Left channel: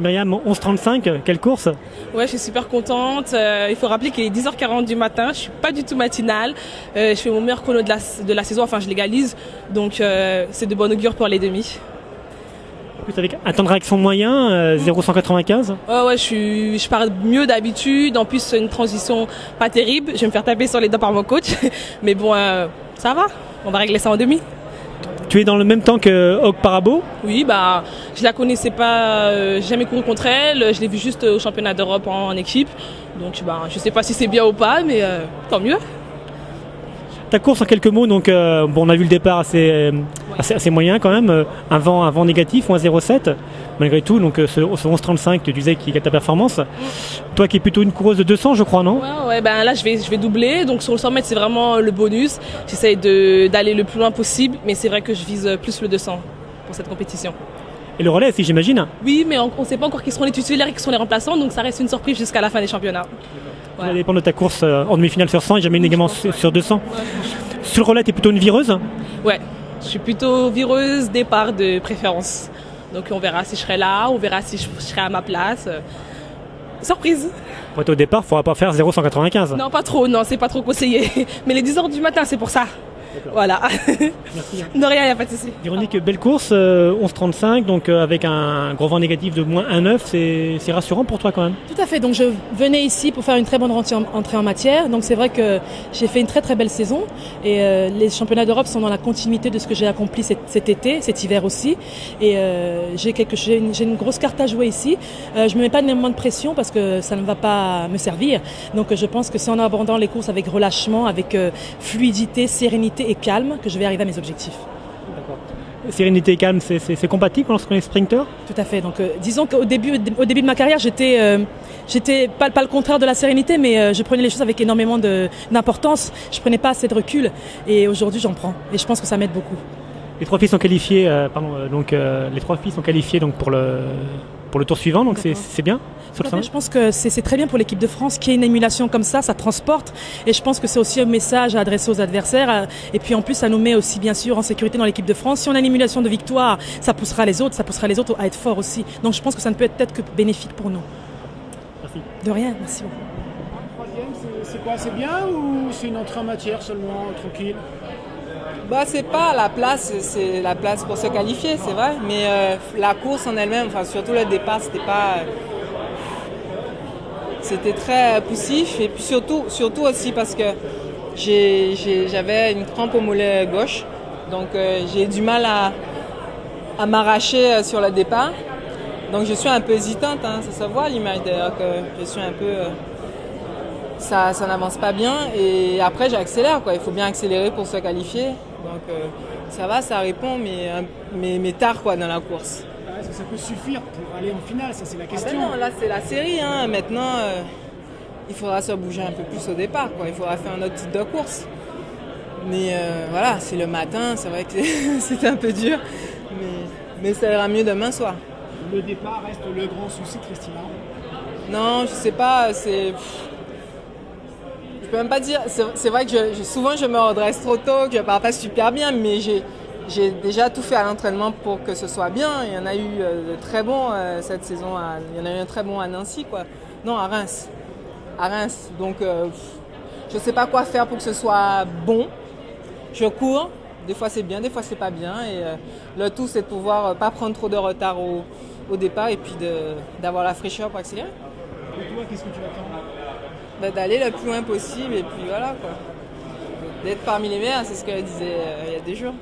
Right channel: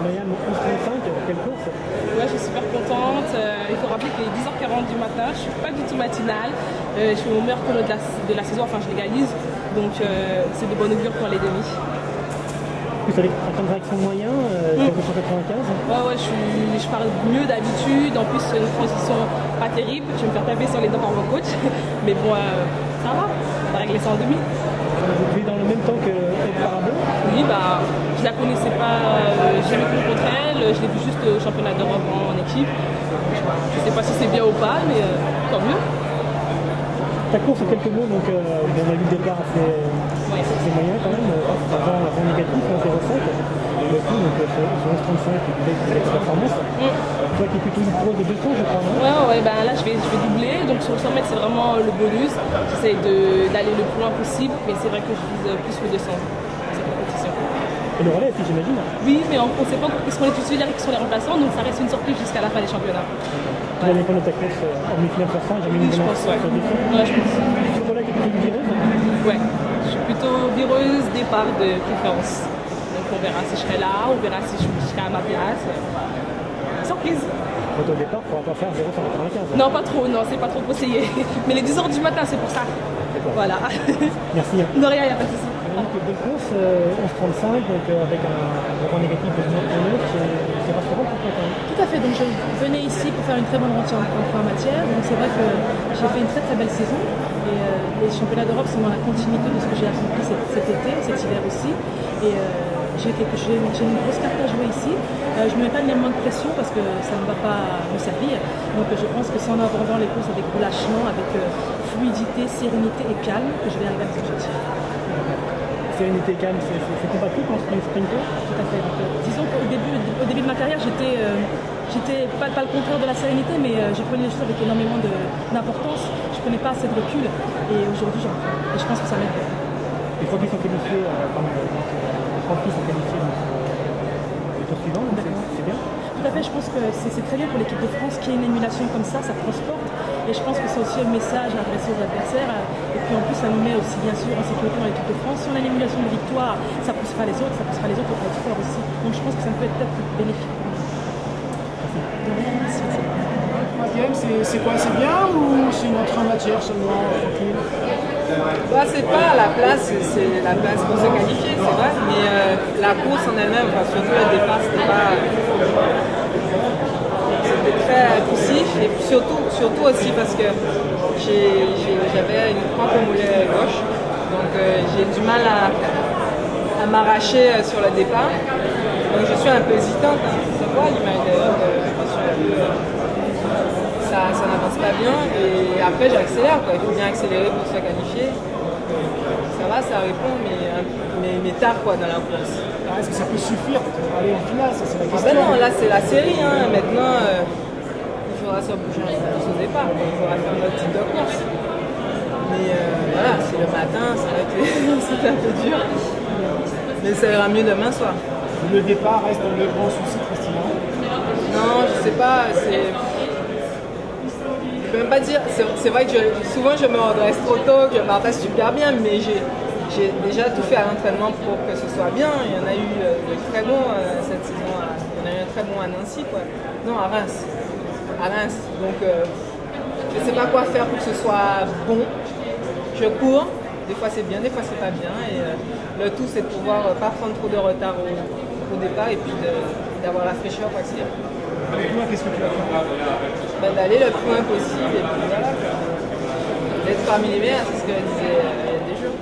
Myriam, 11h35, quelle course? Ouais, je suis super contente. Il faut rappeler qu'il est 10h40 du matin, je suis pas du tout matinale. Je fais mon meilleur chrono de la saison, enfin je légalise. Donc c'est de bon augure pour les demi. Avec un temps de réaction moyen, 0,195. Ouais, je pars mieux d'habitude. En plus, c'est une transition pas terrible. Je vais me faire taper sur les doigts par mon coach. Mais bon, ça va. On va régler ça en demi. Tu es dans le même temps que Hog Parabo? Oui, bah, je la connaissais pas, j'ai jamais couru contre elle. Je l'ai vue juste au championnat d'Europe en équipe. Donc je sais pas si c'est bien ou pas, mais tant mieux. Ta course en quelques mots, donc bon, on a vu le départ assez moyen quand même, un vent négatif, moins 0,7 malgré tout, donc ce 11,35 tu disais qu'il est ta performance. Toi qui es plutôt une coureuse de 200 je crois, non? Ouais, ben là je vais doubler, donc sur le 100 mètres c'est vraiment le bonus. J'essaye d'aller le plus loin possible, mais c'est vrai que je vise plus le 200 cette compétition. Et le relais aussi j'imagine? Oui, mais on ne sait pas encore qui seront les titulaires et qui sont les remplaçants, donc ça reste une surprise jusqu'à la fin des championnats. Tout va dépendre de ta course en demi-finale sur 100 et jamais également sur 200. Sur le relais, tu es plutôt une vireuse? Ouais, je suis plutôt vireuse, départ de préférence. Donc on verra si je serai là, on verra si je serai à ma place. Surprise! Au départ, il ne faudra pas faire 0,195. Non, pas trop, non, c'est pas trop conseillé. Mais les 10h du matin, c'est pour ça. Voilà. Merci. Non, rien, il n'y a pas de souci. Véronique, belle course, 11,35, donc avec un gros vent négatif de moins 1,9, c'est rassurant pour toi quand même? Tout à fait, donc je venais ici pour faire une très bonne entrée en matière, donc c'est vrai que j'ai fait une très très belle saison et les championnats d'Europe sont dans la continuité de ce que j'ai accompli cet été, cet hiver aussi, et j'ai une grosse carte à jouer ici. Je ne me mets pas énormément de pression parce que ça ne va pas me servir, donc je pense que c'est en abordant les courses avec relâchement, avec fluidité, sérénité et calme que je vais arriver à mes objectifs. Sérénité et calme, c'est compatible lorsqu'on est sprinter? Tout à fait. Donc, disons qu'au début de ma carrière, j'étais pas le contraire de la sérénité, mais je prenais les choses avec énormément d'importance. Je prenais pas assez de recul, et aujourd'hui j'en prends. Et je pense que ça m'aide beaucoup. Les trois filles sont qualifiées, les trois filles sont qualifiées donc pour le tour suivant, donc c'est bien. Je pense que c'est très bien pour l'équipe de France qu'il y ait une émulation comme ça transporte, et je pense que c'est aussi un message à adresser aux adversaires, et puis en plus ça nous met aussi bien sûr en sécurité dans l'équipe de France. Si on a une émulation de victoire, ça poussera les autres à être forts aussi, donc je pense que ça ne peut être que bénéfique pour nous. Merci. De rien, merci beaucoup. C'est quoi, c'est bien ou c'est une entrée en matière seulement, tranquille? Bah, c'est pas la place, c'est la place pour se qualifier, c'est vrai, mais la course en elle-même, enfin, surtout le départ, c'était très poussif, et puis surtout aussi parce que j'avais une crampe au mollet gauche, donc j'ai du mal à m'arracher sur le départ, donc je suis un peu hésitante, hein, ça se voit l'image d'ailleurs, je suis un peu... ça n'avance pas bien, et après j'accélère, quoi. Il faut bien accélérer pour se qualifier, donc ça va, ça répond, mais tard quoi dans la course. Est-ce que ça peut suffire pour aller en finale? Ça c'est la question. Ben non, là c'est la série, hein. Maintenant il faudra se bouger un peu plus au départ, quoi. Il faudra faire notre type de course, mais voilà, c'est le matin, c'est vrai que c'était un peu dur, mais ça ira mieux demain soir. Le départ reste le grand souci, Christina? Non, je sais pas, je peux même pas dire, c'est vrai que souvent je me redresse trop tôt, que je m'adresse super bien, mais j'ai déjà tout fait à l'entraînement pour que ce soit bien. Il y en a eu de très bons cette saison, il y en a eu un très bon à Nancy, quoi. Non, à Reims. Donc je sais pas quoi faire pour que ce soit bon. Je cours, des fois c'est bien, des fois c'est pas bien, et le tout c'est de pouvoir pas prendre trop de retard au départ, et puis d'avoir la fraîcheur pour accélérer. Avec toi, qu'est-ce que tu vas faire? D'aller le plus loin possible, et puis voilà, d'être parmi les meilleurs, c'est ce qu'elle disait il y a des jours.